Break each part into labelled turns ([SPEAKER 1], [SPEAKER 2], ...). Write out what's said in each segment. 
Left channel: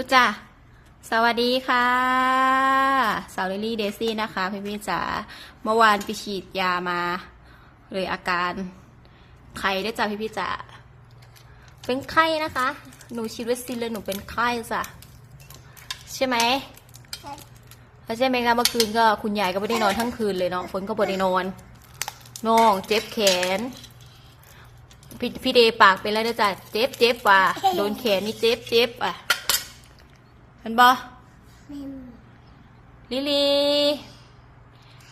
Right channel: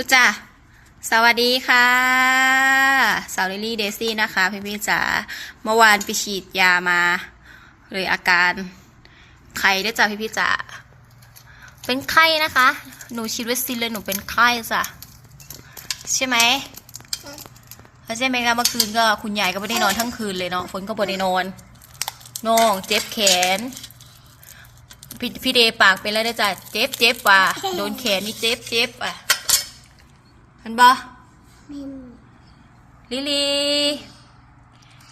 [SPEAKER 1] ทุกจ้าสวัสดีค่ะสาวลิลี่เดซี่นะคะ พี่พี่จ๋าเมื่อวานไปฉีดยามา เลยอาการไข้ด้วยจ้ะพี่พี่จ๋าเป็นไข้นะคะ หนูฉีดวัคซีนเลยหนูเป็นไข้จ้ะใช่ไหมแล้วใช่ไหมคะเมื่อคืนก็คุณยายก็ไม่ได้นอนทั้งคืนเลยเนาะฝนก็บ่ได้นอนน้องเจ็บแขนพี่พี่เดย์ปากเป็นแล้วนะจ๊ะเจ็บเจ็บว่ะโดนแขนนี่เจ็บเจ็บอะ เห็นปะลิลี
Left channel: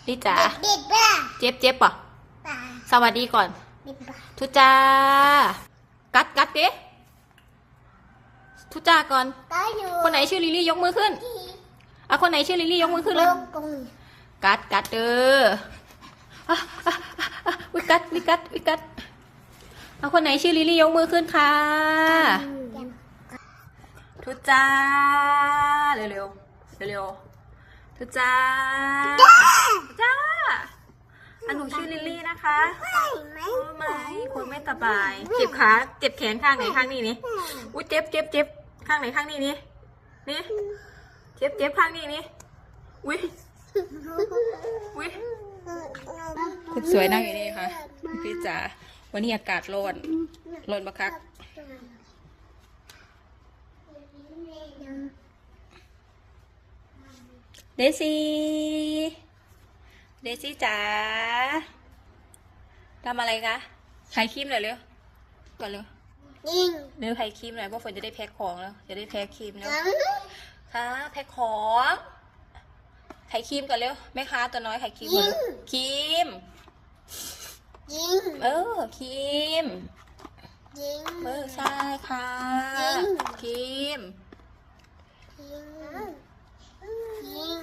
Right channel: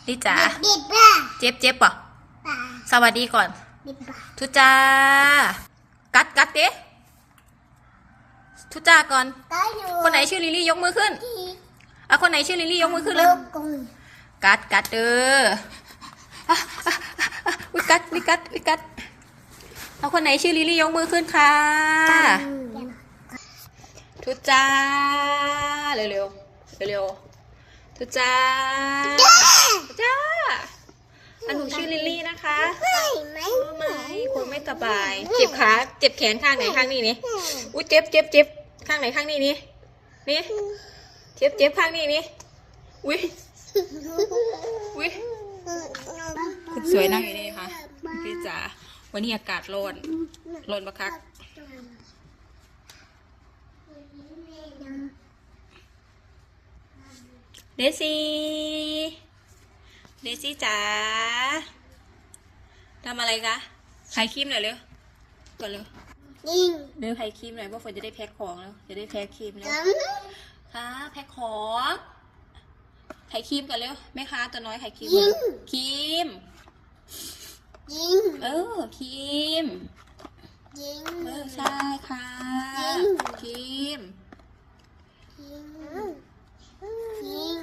[SPEAKER 1] ลิจ๋า
[SPEAKER 2] ดิบป่ะ
[SPEAKER 1] เจ็บเจ็บปะ
[SPEAKER 2] ป่ะ
[SPEAKER 1] สวัสดีก่อน
[SPEAKER 2] ดิบป่ะ
[SPEAKER 1] ทุจ้ากัดกัดเด้ทุจ้าก่อน
[SPEAKER 2] ก็อยู่
[SPEAKER 1] คนไหนชื่อลิลี่ยกมือขึ้น
[SPEAKER 2] ที่
[SPEAKER 1] อะคนไหนชื่อลิลี่ยกมือขึ้น
[SPEAKER 2] โล
[SPEAKER 1] เลย
[SPEAKER 2] กกง
[SPEAKER 1] กัดกัดเด้ออะอะอะอะวิกัดวิกัดวิกัดเอาคนไหนชื่อลิลี่ยกมือขึ้นค่ะ ทุจ้า เร็วเร็วเร็วเร็วๆทุจ้าทุจ้าอันหนูชื่อลิลลี่นะคะ
[SPEAKER 2] ไม่ไม่
[SPEAKER 1] รู้ไหมคุณไม่สบาย เจ็บขาเจ็บแขนข้างไหนข้างนี้นี่อุ้ยเจ็บเจ็บเจ็บข้างไหนข้างนี้นี่นี่เจ็บเจ็บข้างนี้นี่อุ้ยอุ้ยคุณสวยนั่งอยู่นี่ค่ะพี่จ๋าวันนี้อากาศร้อนร้อนปะครับ เดซี่ เดซี่จ๋าทำอะไรคะขายครีมหน่อยเร็วก่อนเร็ว
[SPEAKER 2] ยิง
[SPEAKER 1] เนื้อขายครีมหน่อยเพราะฝนจะได้แพ็คของแล้ว จะได้แพ็คครีมแล้ว
[SPEAKER 2] จัง
[SPEAKER 1] ค่ะแพ็คของขายครีมก่อนเร็วแม่ค้าตัวน้อยขายครีมก่อนเร็วครีม
[SPEAKER 2] ยิง
[SPEAKER 1] เออครีม
[SPEAKER 2] ยิง
[SPEAKER 1] เออใช่ค่ะ
[SPEAKER 2] จริง
[SPEAKER 1] ครีม
[SPEAKER 2] ยิง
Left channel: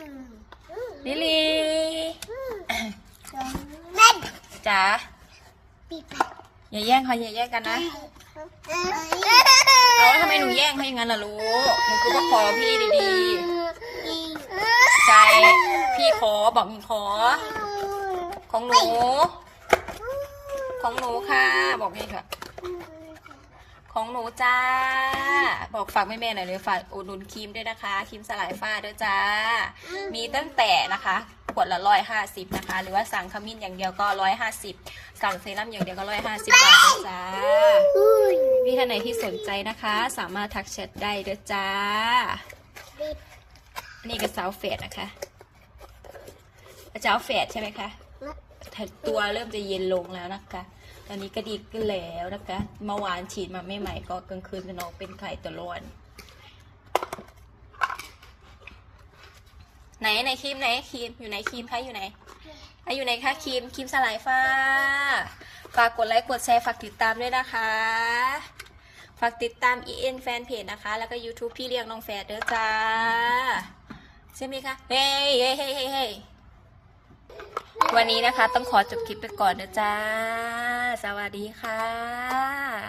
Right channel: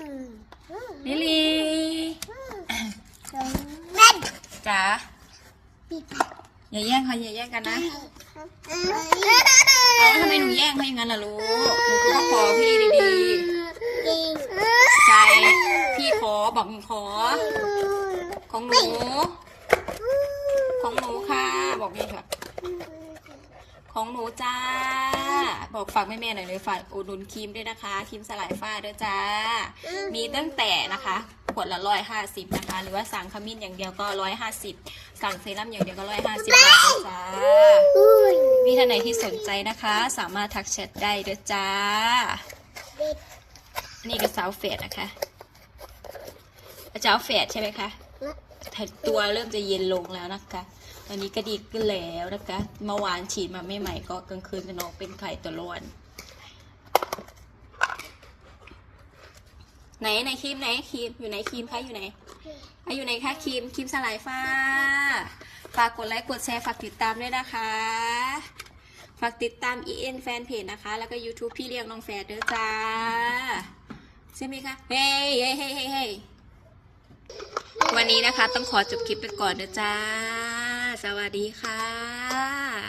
[SPEAKER 1] ลิลี
[SPEAKER 2] แม่น
[SPEAKER 1] จ๋า
[SPEAKER 2] ปีปะ
[SPEAKER 1] อย่าแย่งค่ะอย่าแย่งกันนะเอาทำไมหนูแย่งเขาอย่างนั้นล่ะลูกหนูก็ขอพี่ดี
[SPEAKER 2] ยิง
[SPEAKER 1] ๆใจพี่ขอบอกหนูขอ ของหนู ของหนูค่ะ บอกพี่ค่ะ ของหนูจ้าบ อกฝากแม่ๆหน่อยเลยฝากอุดหนุนครีมด้วยนะคะครีมสลายฝ้าด้วยจ้า มีตั้งแต่นะคะขวดละร้อยห้าสิบนะคะ หรือว่าสั่งขมิ้นอย่างเดียวก็ร้อยห้าสิบสั่งเซรั่มอย่างเดียวก็ร้อยห้าสิบบาทนะจ้า
[SPEAKER 2] อุ้ย
[SPEAKER 1] มีท่านไหนที่สนใจนะคะ สามารถทักแชทได้เด้อจ้า
[SPEAKER 2] ดิบ
[SPEAKER 1] นี่ก็สาวเฟดนะคะสาวเฟดใช่ไหมคะแต่ตัวเริ่มจะเย็นลงแล้วนะคะ ตอนนี้ก็ดีขึ้นแล้วนะคะเมื่อวานฉีดมาไม่ใหม่ก็กลางคืนจะนอนเป็นไข่ตัวร้อนไหนไหนครีมไหนครีมอยู่ไหนครีมคะอยู่ไหนอะอยู่ไหนคะครีมครีมสลายฟ้าฝากกดไลค์กดแชร์ฝากติดตามด้วยนะคะ ฝากติดตาม EN Fanpage นะคะ แล้วก็ YouTube พี่เลี้ยงน้องแฟดเด้อจ้าใช่ไหมคะเฮ้ยเฮ้เฮ้ยเฮ้ยเฮ้ยวันนี้นะคะต้องขอจบคลิปไปก่อนนะจ้า สวัสดีค่ะ